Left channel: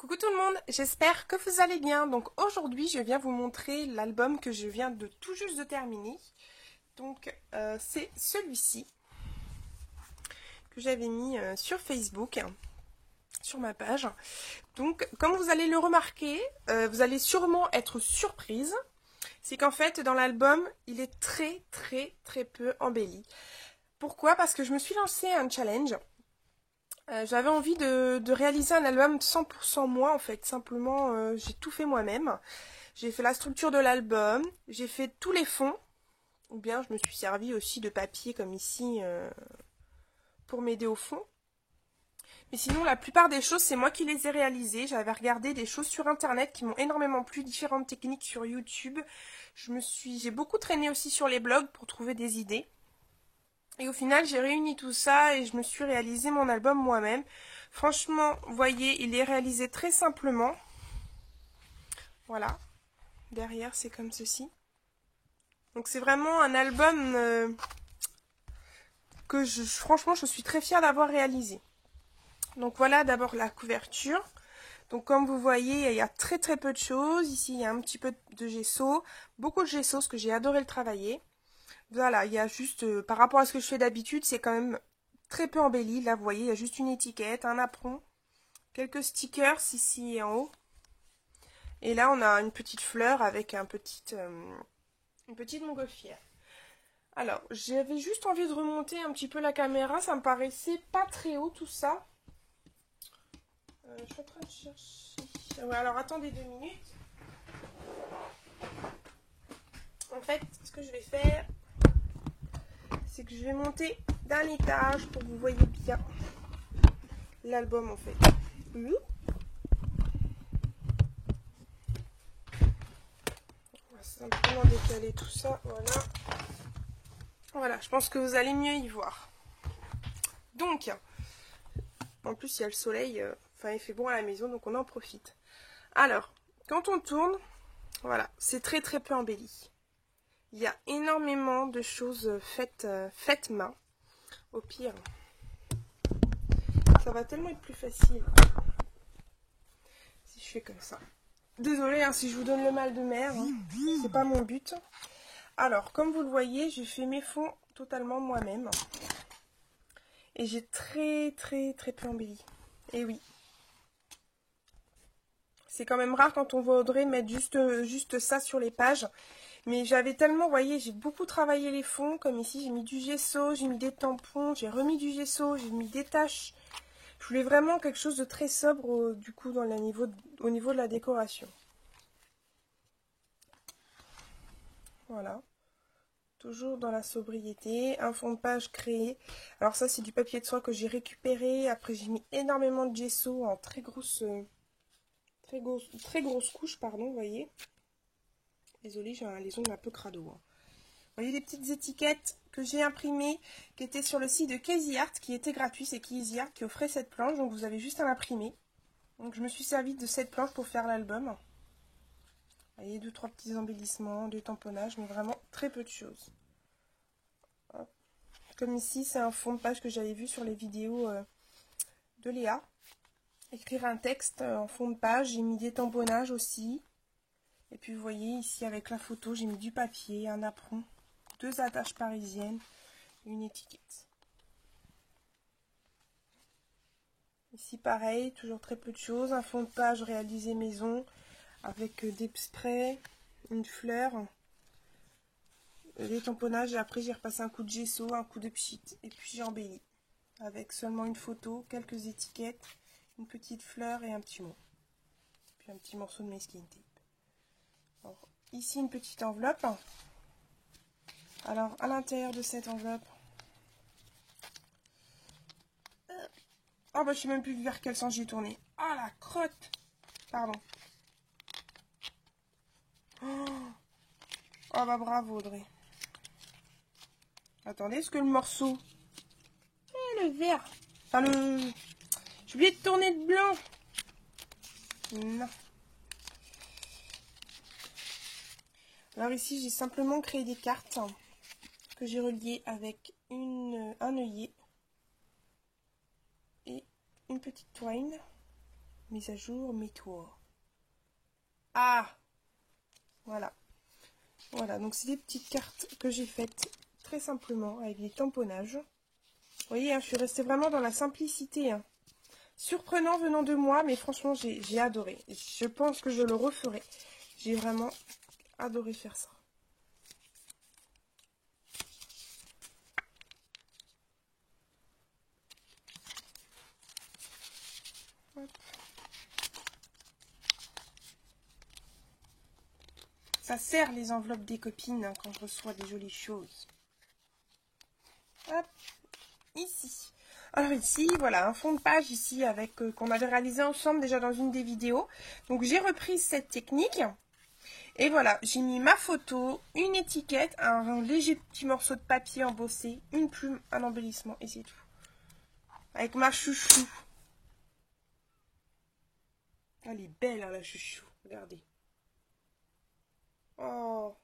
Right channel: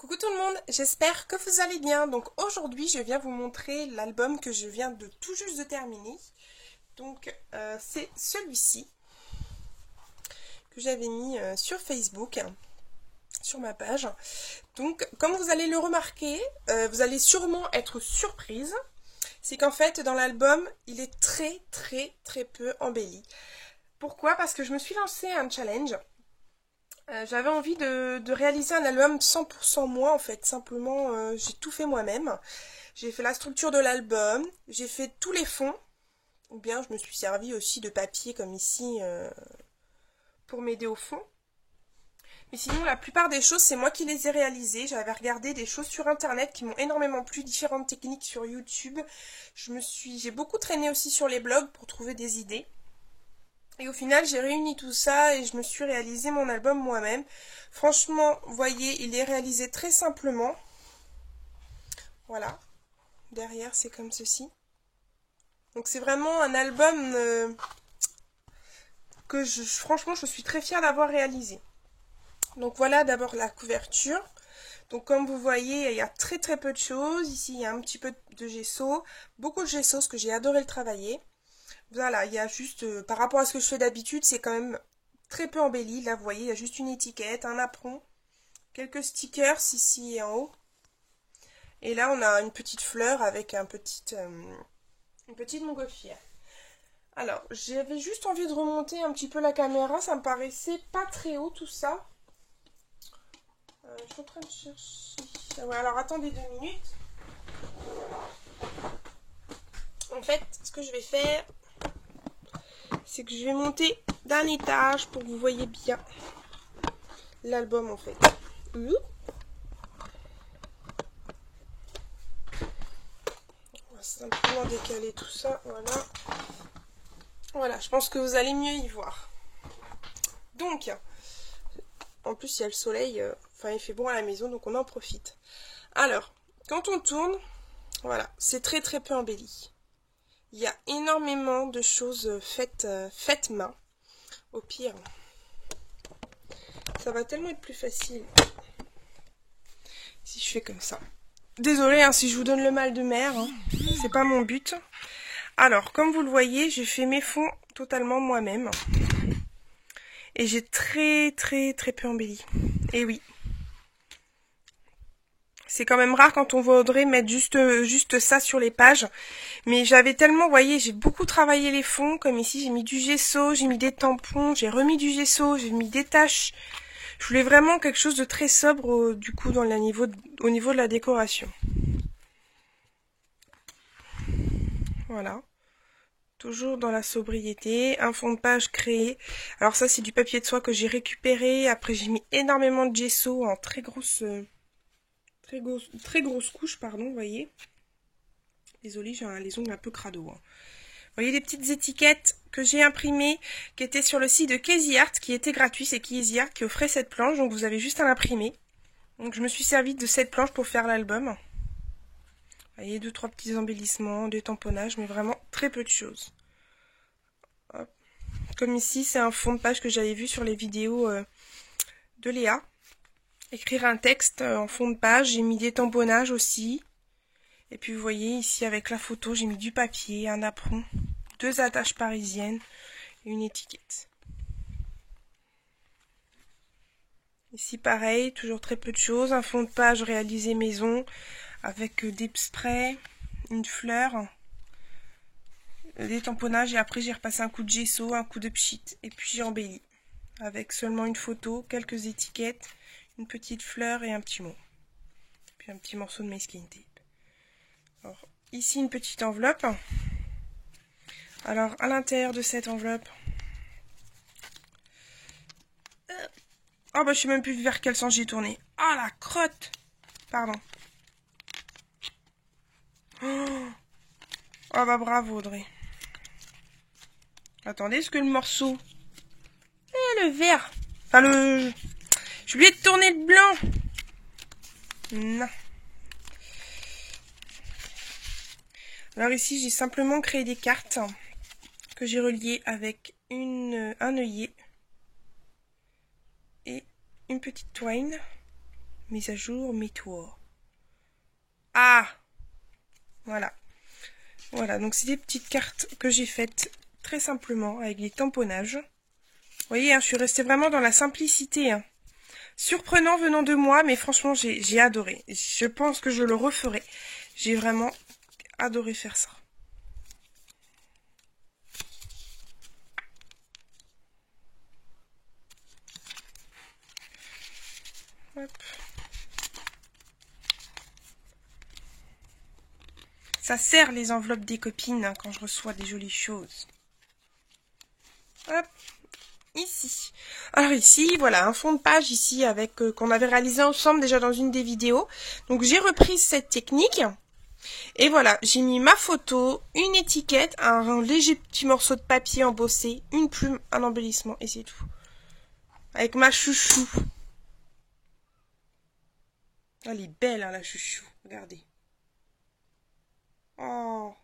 Coucou tout le monde, j'espère que vous allez bien. Donc aujourd'hui je viens vous montrer l'album que je viens de tout juste de terminer. Donc c'est celui-ci que j'avais mis sur Facebook, sur ma page. Donc comme vous allez le remarquer, vous allez sûrement être surprise. C'est qu'en fait dans l'album il est très peu embelli. Pourquoi? Parce que je me suis lancé un challenge. J'avais envie de réaliser un album 100% moi en fait, simplement j'ai tout fait moi-même. J'ai fait la structure de l'album, j'ai fait tous les fonds, ou bien je me suis servi aussi de papier comme ici pour m'aider au fond. Mais sinon la plupart des choses c'est moi qui les ai réalisées. J'avais regardé des choses sur internet qui m'ont énormément plu, différentes techniques sur YouTube. J'ai beaucoup traîné aussi sur les blogs pour trouver des idées. Et au final, j'ai réuni tout ça et je me suis réalisé mon album moi-même. Franchement, vous voyez, il est réalisé très simplement. Voilà. Derrière, c'est comme ceci. Donc c'est vraiment un album que franchement, je suis très fière d'avoir réalisé. Donc voilà d'abord la couverture. Donc comme vous voyez, il y a très peu de choses. Ici, il y a un petit peu de gesso. Beaucoup de gesso, parce que j'ai adoré le travailler. Voilà, il y a juste, par rapport à ce que je fais d'habitude, c'est quand même très peu embelli. Là, vous voyez, il y a juste une étiquette, un apron, quelques stickers ici et en haut. Et là, on a une petite fleur avec une petite montgolfière. Alors, j'avais juste envie de remonter un petit peu la caméra. Ça me paraissait pas très haut tout ça. Je suis en train de chercher. Alors, attendez 2 minutes. En fait, ce que je vais faire, c'est que je vais monter d'un étage pour que vous voyez bien l'album en fait. On va simplement décaler tout ça, voilà. Voilà, je pense que vous allez mieux y voir. Donc, en plus il y a le soleil, enfin il fait bon à la maison, donc on en profite. Alors, quand on tourne, voilà, c'est très peu embelli. Il y a énormément de choses faites main. Au pire, ça va tellement être plus facile si je fais comme ça. Désolée hein, si je vous donne le mal de mer, hein. C'est pas mon but. Alors, comme vous le voyez, j'ai fait mes fonds totalement moi-même. Et j'ai très peu embelli. Et oui. C'est quand même rare quand on voit Audrey mettre juste ça sur les pages. Mais j'avais tellement, vous voyez, j'ai beaucoup travaillé les fonds. Comme ici, j'ai mis du gesso, j'ai mis des tampons, j'ai remis du gesso, j'ai mis des taches. Je voulais vraiment quelque chose de très sobre, du coup, au niveau de la décoration. Voilà. Toujours dans la sobriété. Un fond de page créé. Alors ça, c'est du papier de soie que j'ai récupéré. Après, j'ai mis énormément de gesso en très grosse couche, pardon, vous voyez. Désolée, j'ai les ongles un peu crado. Hein. Vous voyez les petites étiquettes que j'ai imprimées, qui étaient sur le site de Casey Art, qui était gratuit. C'est Casey Art qui offrait cette planche, donc vous avez juste à l'imprimer. Donc je me suis servi de cette planche pour faire l'album. Vous voyez, 2-3 petits embellissements, des tamponnages, mais vraiment très peu de choses. Hop. Comme ici, c'est un fond de page que j'avais vu sur les vidéos de Léa. Écrire un texte en fond de page, j'ai mis des tamponnages aussi. Et puis vous voyez ici avec la photo, j'ai mis du papier, un apron, 2 attaches parisiennes et une étiquette. Ici pareil, toujours très peu de choses, un fond de page réalisé maison avec des sprays, une fleur, des tamponnages et après j'ai repassé un coup de gesso, un coup de pchit et puis j'ai embelli avec seulement une photo, quelques étiquettes, une petite fleur et un petit mot. Puis un petit morceau de masking tape. Alors, ici une petite enveloppe. Alors à l'intérieur de cette enveloppe, oh bah je sais même plus vers quel sens j'ai tourné. Ah la crotte. Pardon. Oh bah bravo Audrey. Attendez, est-ce que le morceau... le vert. Enfin le... Je lui ai tourné le blanc. Non. Alors ici j'ai simplement créé des cartes que j'ai reliées avec un œillet et une petite twine. mise à jour, mets-toi. Ah! Voilà. Voilà, donc c'est des petites cartes que j'ai faites très simplement avec des tamponnages. Vous voyez, hein, je suis restée vraiment dans la simplicité. Hein. Surprenant venant de moi, mais franchement, j'ai adoré. Je pense que je le referai. J'ai vraiment adoré faire ça. Hop. Ça sert les enveloppes des copines hein, quand je reçois des jolies choses. Hop. Ici. Alors ici, voilà, un fond de page ici avec qu'on avait réalisé ensemble déjà dans une des vidéos. Donc j'ai repris cette technique. Et voilà, j'ai mis ma photo, une étiquette, un léger petit morceau de papier embossé, une plume, un embellissement et c'est tout. Avec ma chouchou. Elle est belle hein, la chouchou, regardez. Oh,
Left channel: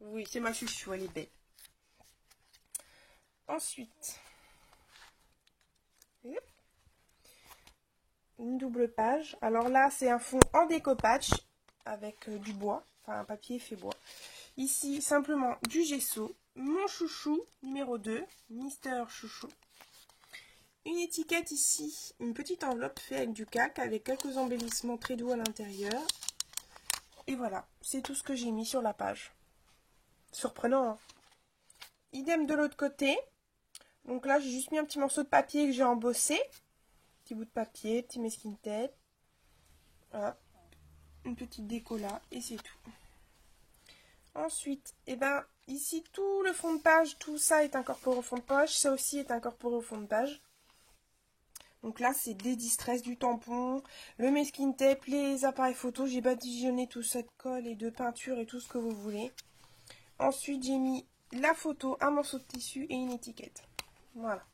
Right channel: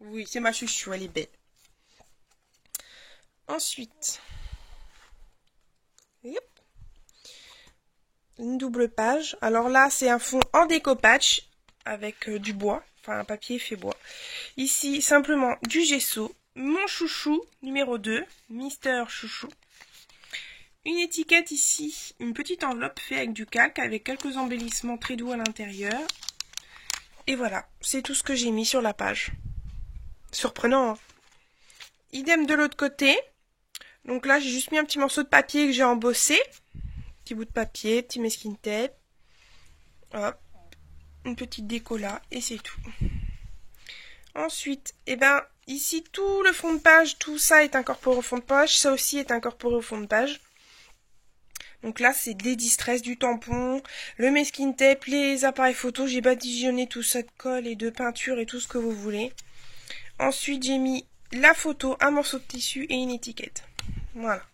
oui, c'est ma chouchou, elle est belle. Ensuite, yep, une double page. Alors là, c'est un fond en découpage avec du bois, enfin un papier fait bois. Ici, simplement du gesso, mon chouchou numéro 2, Mister Chouchou. Une étiquette ici, une petite enveloppe faite avec du calque, avec quelques embellissements très doux à l'intérieur. Et voilà, c'est tout ce que j'ai mis sur la page. Surprenant, hein. Idem de l'autre côté. Donc là, j'ai juste mis un petit morceau de papier que j'ai embossé. Petit bout de papier, petit masking tape. Hop, une petite déco là, et c'est tout. Ensuite, eh ben, ici, tout le fond de page, tout ça est incorporé au fond de page. Ça aussi est incorporé au fond de page. Donc là, c'est des distress, du tampon, le masking tape, les appareils photo. J'ai badigeonné tout ça de colle et de peinture et tout ce que vous voulez. Ensuite, j'ai mis la photo, un morceau de tissu et une étiquette. Voilà.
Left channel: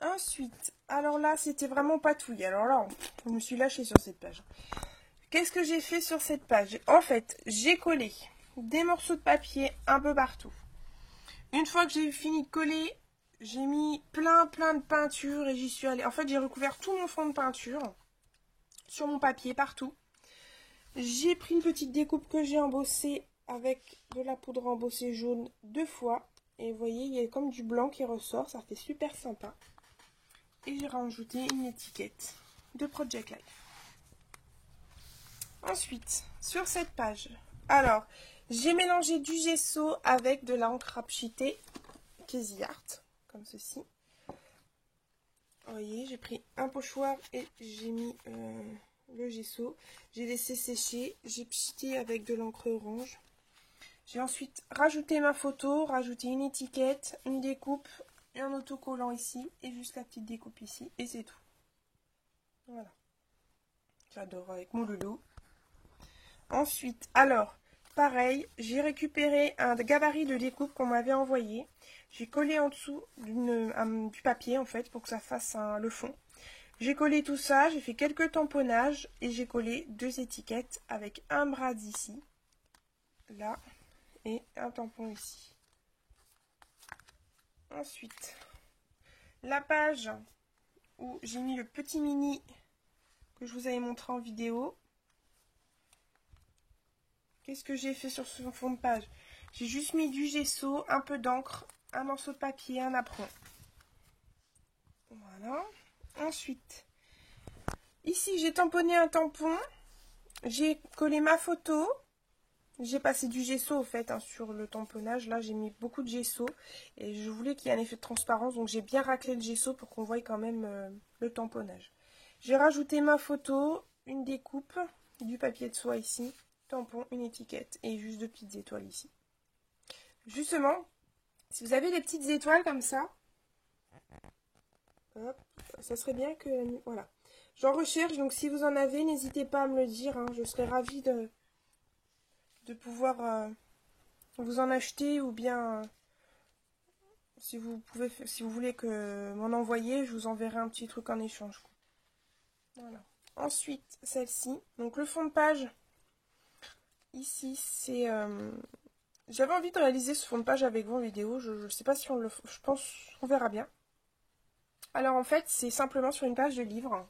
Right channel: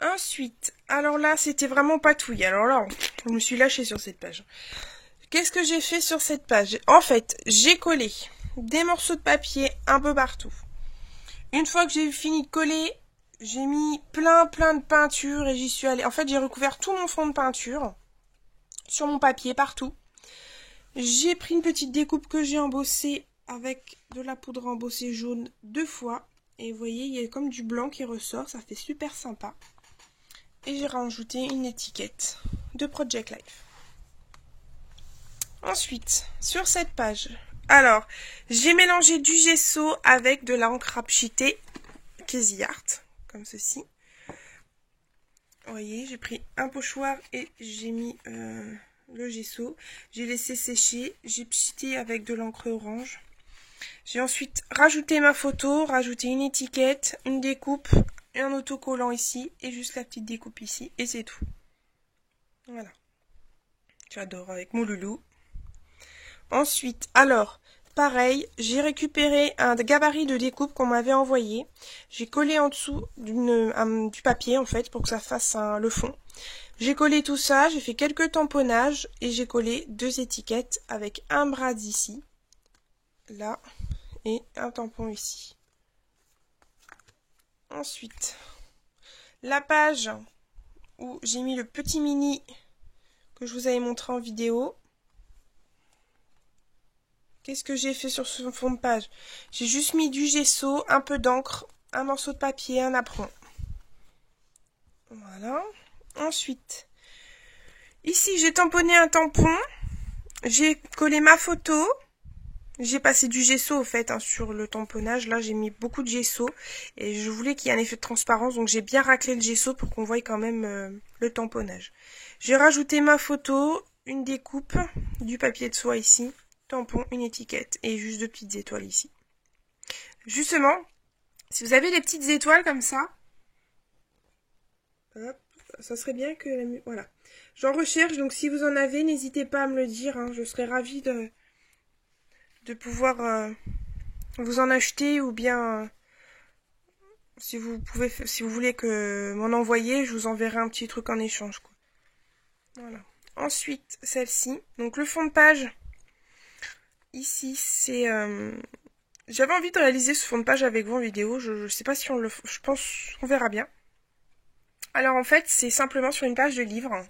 Ensuite, alors là, c'était vraiment patouille. Alors là, je me suis lâchée sur cette page. Qu'est-ce que j'ai fait sur cette page? En fait, j'ai collé des morceaux de papier un peu partout. Une fois que j'ai fini de coller, j'ai mis plein de peinture et j'y suis allée. En fait, j'ai recouvert tout mon fond de peinture sur mon papier partout. J'ai pris une petite découpe que j'ai embossée avec de la poudre embossée jaune 2 fois. Et vous voyez, il y a comme du blanc qui ressort, ça fait super sympa. Et j'ai rajouté une étiquette de Project Life. Ensuite, sur cette page, alors, j'ai mélangé du gesso avec de l'encre apchitée Casey Art, comme ceci. Vous voyez, j'ai pris un pochoir et j'ai mis le gesso. J'ai laissé sécher, j'ai pchité avec de l'encre orange. J'ai ensuite rajouté ma photo, rajouté une étiquette, une découpe, un autocollant ici et juste la petite découpe ici et c'est tout. Voilà. J'adore avec mon loulou. Ensuite, alors, pareil, j'ai récupéré un gabarit de découpe qu'on m'avait envoyé. J'ai collé en dessous du papier en fait pour que ça fasse le fond. J'ai collé tout ça, j'ai fait quelques tamponnages et j'ai collé 2 étiquettes avec un bras d'ici, là, et un tampon ici. Ensuite, la page où j'ai mis le petit mini que je vous avais montré en vidéo. Qu'est-ce que j'ai fait sur ce fond de page? J'ai juste mis du gesso, un peu d'encre, un morceau de papier, un apron. Voilà. Ensuite, ici j'ai tamponné un tampon. J'ai collé ma photo. J'ai passé du gesso au fait hein, sur le tamponnage. Là j'ai mis beaucoup de gesso. Et je voulais qu'il y ait un effet de transparence. Donc j'ai bien raclé le gesso pour qu'on voie quand même le tamponnage. J'ai rajouté ma photo, une découpe, du papier de soie ici. Tampon, une étiquette et juste 2 petites étoiles ici. Justement, si vous avez des petites étoiles comme ça, hop, ça serait bien que... Voilà. J'en recherche, donc si vous en avez, n'hésitez pas à me le dire. Hein, je serais ravie de pouvoir vous en acheter ou bien... si vous voulez que m'en envoyer, je vous enverrai un petit truc en échange. Quoi. Voilà. Ensuite, celle-ci. Donc le fond de page... Ici, c'est... J'avais envie de réaliser ce fond de page avec vous en vidéo. Je sais pas si on le... Je pense qu'on verra bien. Alors en fait, c'est simplement sur une page de livre.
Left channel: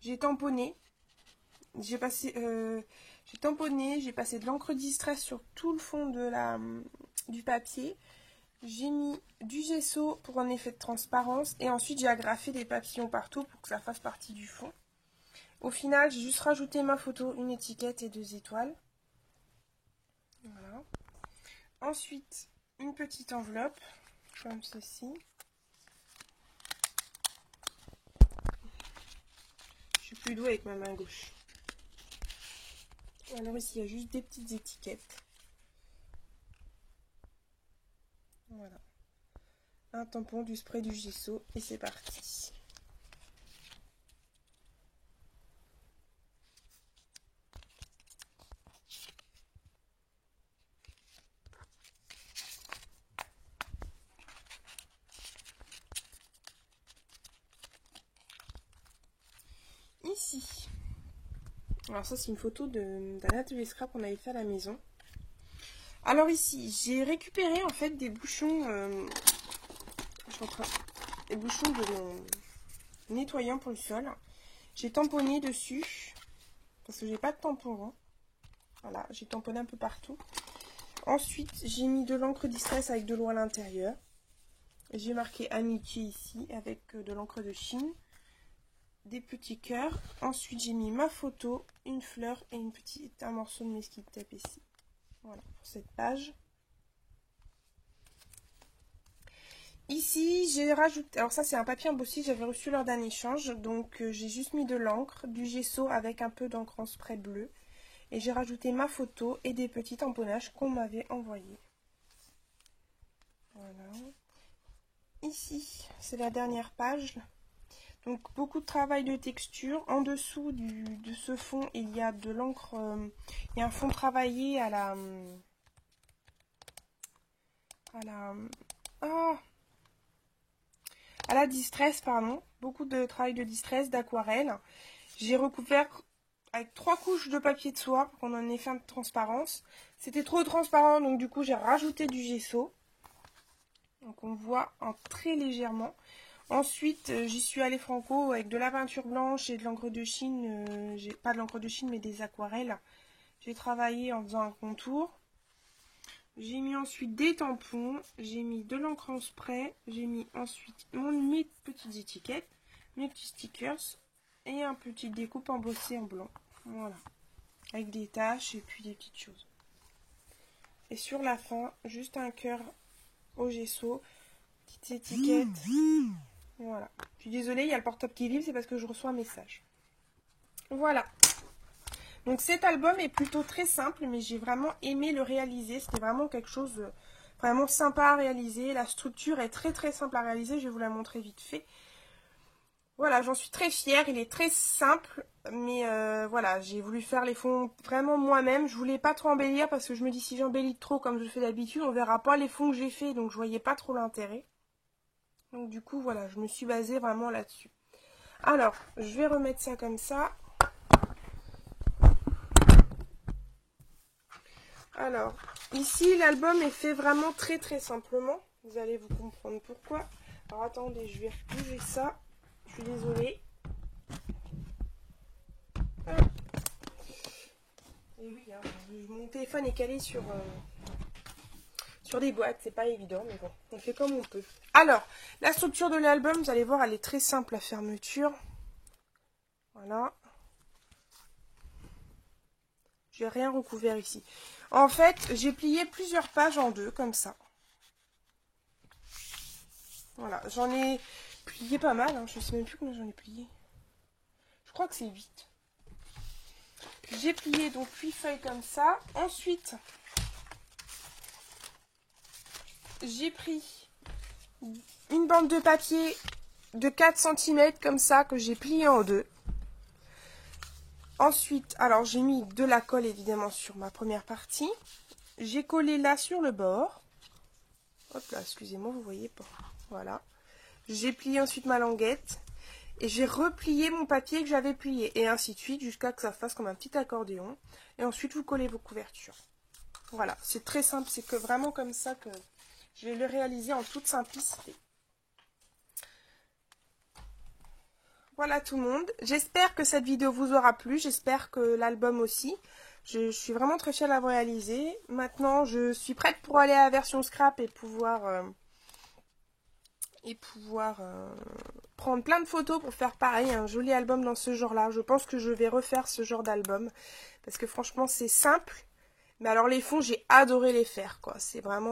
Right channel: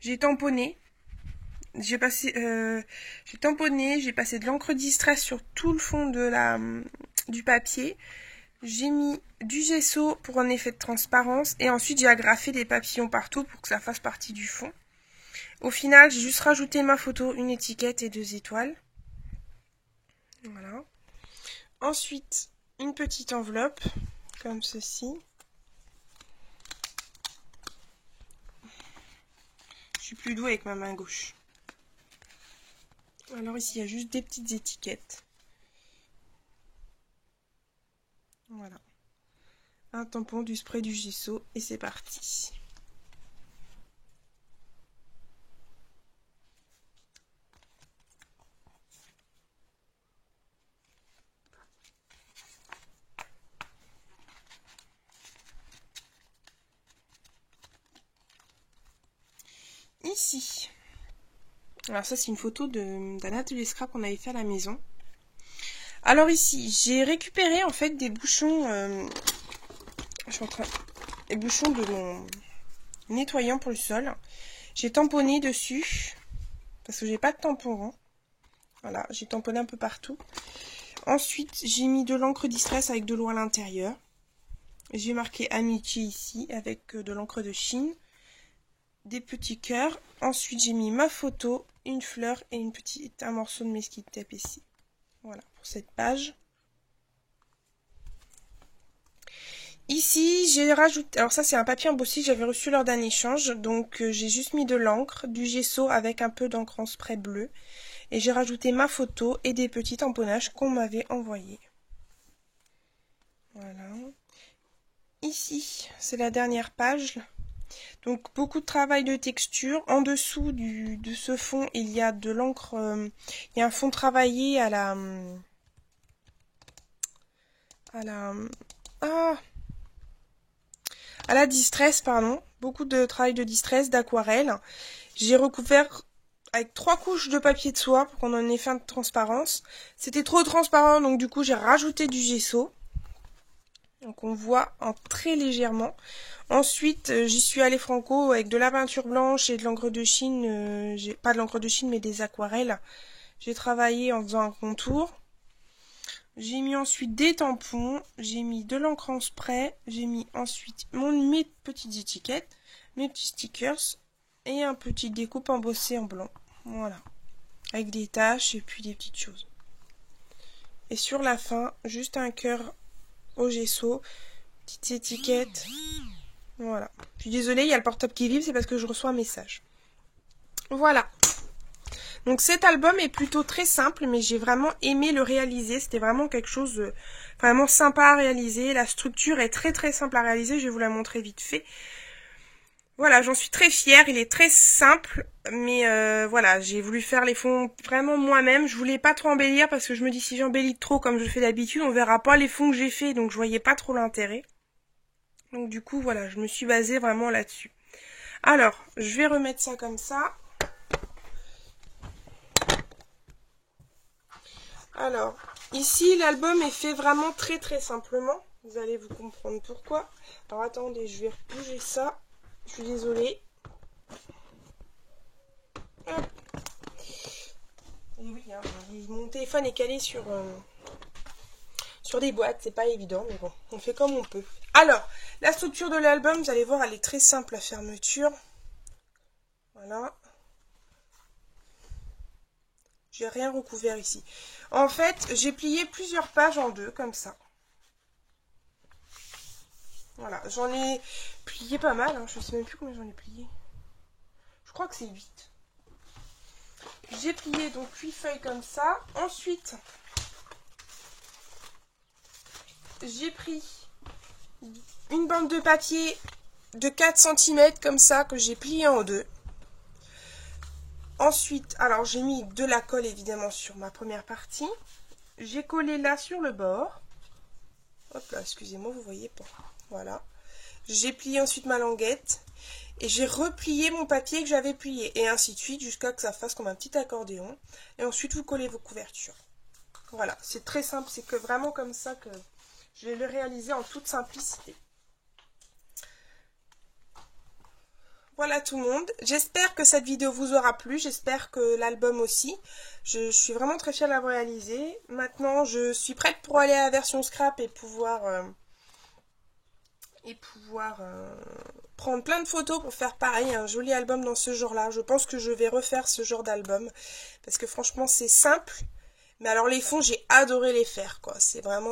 J'ai tamponné. J'ai tamponné, j'ai passé de l'encre distress sur tout le fond du papier. J'ai mis du gesso pour un effet de transparence et ensuite j'ai agrafé des papillons partout pour que ça fasse partie du fond. Au final, j'ai juste rajouté ma photo, une étiquette et 2 étoiles. Voilà. Ensuite, une petite enveloppe, comme ceci. Je suis plus douée avec ma main gauche. Alors ici, il y a juste des petites étiquettes. Voilà. Un tampon, du spray, du gesso et c'est parti. Ici. Alors ça, c'est une photo d'un atelier scrap qu'on avait fait à la maison. Alors ici, j'ai récupéré en fait des bouchons, des bouchons de mon nettoyant pour le sol. J'ai tamponné dessus parce que j'ai pas de tampon rond. Voilà, j'ai tamponné un peu partout. Ensuite, j'ai mis de l'encre distress avec de l'eau à l'intérieur. J'ai marqué amitié ici avec de l'encre de Chine, des petits cœurs. Ensuite, j'ai mis ma photo, une fleur et un morceau de mesquite tape ici. Voilà pour cette page. Ici, j'ai rajouté... Alors ça, c'est un papier embossé que j'avais reçu lors d'un échange. Donc, j'ai juste mis de l'encre, du gesso avec un peu d'encre en spray bleu. Et j'ai rajouté ma photo et des petits tamponnages qu'on m'avait envoyés. Voilà. Ici, c'est la dernière page. Donc, beaucoup de travail de texture. En dessous de ce fond, il y a de l'encre... il y a un fond travaillé à la... à la distress, pardon. Beaucoup de travail de distress, d'aquarelle. J'ai recouvert avec 3 couches de papier de soie pour qu'on en ait fin de transparence. C'était trop transparent, donc du coup j'ai rajouté du gesso. Donc on voit en très légèrement. Ensuite, j'y suis allée franco avec de la peinture blanche et de l'encre de Chine. Pas de l'encre de Chine, mais des aquarelles. J'ai travaillé en faisant un contour. J'ai mis ensuite des tampons. J'ai mis de l'encre en spray. J'ai mis ensuite mes petites étiquettes, mes petits stickers et un petit découpe embossé en blanc. Voilà. Avec des taches et puis des petites choses. Et sur la fin, juste un cœur au gesso. Petite étiquette. Voilà. Je suis désolée, il y a le portable qui vibre, c'est parce que je reçois un message. Voilà. Donc cet album est plutôt très simple, mais j'ai vraiment aimé le réaliser. C'était vraiment quelque chose de vraiment sympa à réaliser. La structure est très très simple à réaliser. Je vais vous la montrer vite fait. Voilà, j'en suis très fière. Il est très simple, mais voilà, j'ai voulu faire les fonds vraiment moi-même. Je voulais pas trop embellir parce que je me dis si j'embellis trop comme je fais d'habitude, on verra pas les fonds que j'ai fait, donc je voyais pas trop l'intérêt. Donc du coup, voilà, je me suis basée vraiment là-dessus. Alors, je vais remettre ça comme ça. Alors, ici, l'album est fait vraiment très très simplement. Vous allez vous comprendre pourquoi. Alors, attendez, je vais bouger ça. Je suis désolée. Hop. Et oui, hein, mon téléphone est calé sur des boîtes. C'est pas évident, mais bon, on fait comme on peut. Alors, la structure de l'album, vous allez voir, elle est très simple à fermeture. Voilà. J'ai rien recouvert ici. En fait, j'ai plié plusieurs pages en deux, comme ça. Voilà, j'en ai plié pas mal, hein. Je ne sais même plus combien j'en ai plié. Je crois que c'est 8. J'ai plié donc 8 feuilles comme ça. Ensuite, j'ai pris une bande de papier de 4 cm comme ça, que j'ai plié en deux. Ensuite, alors j'ai mis de la colle évidemment sur ma première partie. J'ai collé là sur le bord. Hop là, excusez-moi, vous voyez pas. Voilà. J'ai plié ensuite ma languette. Et j'ai replié mon papier que j'avais plié. Et ainsi de suite, jusqu'à que ça fasse comme un petit accordéon. Et ensuite, vous collez vos couvertures. Voilà, c'est très simple. C'est que vraiment comme ça que je vais le réaliser en toute simplicité. Voilà tout le monde. J'espère que cette vidéo vous aura plu. J'espère que l'album aussi. Je suis vraiment très fière de l'avoir réalisé. Maintenant, je suis prête pour aller à la version scrap et pouvoir prendre plein de photos pour faire pareil, un joli album dans ce genre-là. Je pense que je vais refaire ce genre d'album parce que franchement, c'est simple. Mais alors les fonds, j'ai adoré les faire, quoi.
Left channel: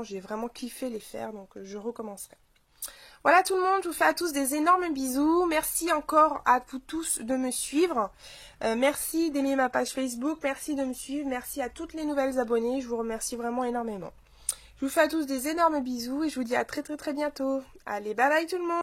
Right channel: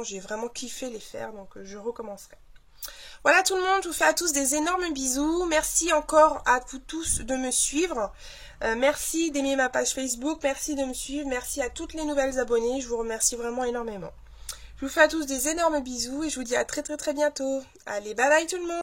J'ai vraiment kiffé les faire, donc je recommencerai. Voilà tout le monde, je vous fais à tous des énormes bisous. Merci encore à vous tous de me suivre. Merci d'aimer ma page Facebook, merci de me suivre, merci à toutes les nouvelles abonnées. Je vous remercie vraiment énormément. Je vous fais à tous des énormes bisous et je vous dis à très bientôt. Allez, bye bye tout le monde.